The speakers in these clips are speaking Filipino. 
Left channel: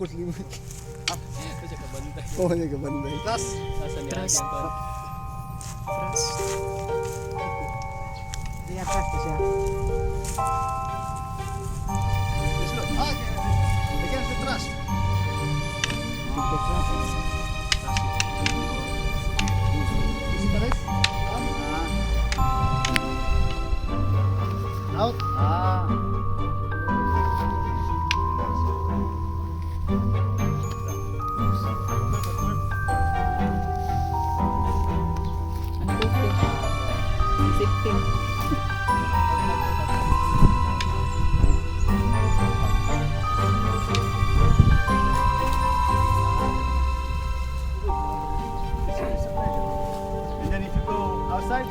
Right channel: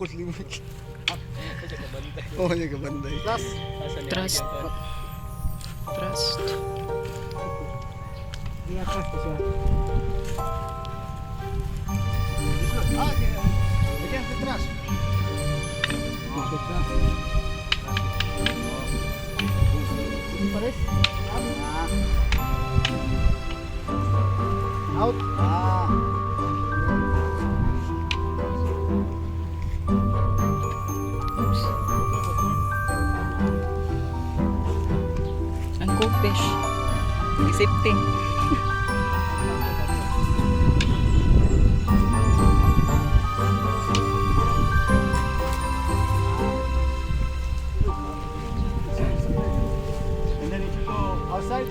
bukol ni. Oh, yung kabanday. Plus. Trust. Trust. I-attract ko siya. Ah, against the trash. Ticket siya. Isi pares? Out. Ah. Ang fish. Isipin. And then if you go outside,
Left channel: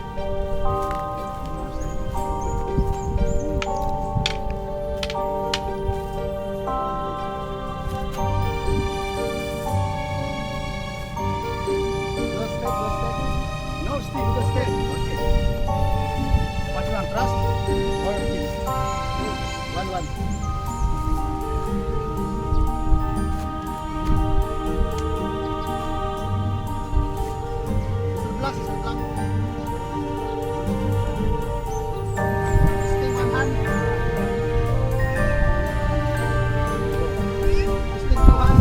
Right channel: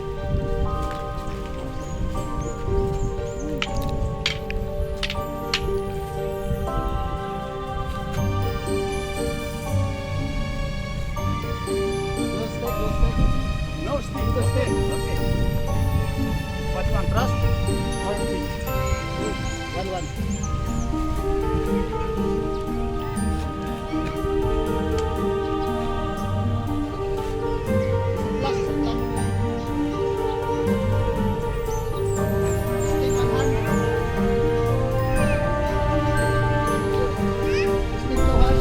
no stick, just stay. Okay. What you want, trust or kick? 1-1. Plus, lang. Stay one hand. Stay two hand.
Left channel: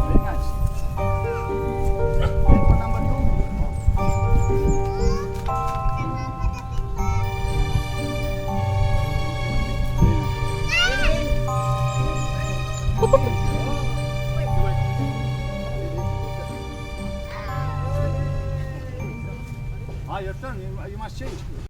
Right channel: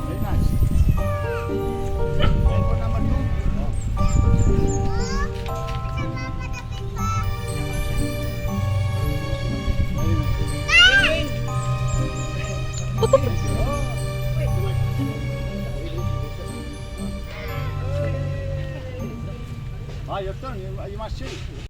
Very nice. Going for number 2. Ah, your turn. You must change.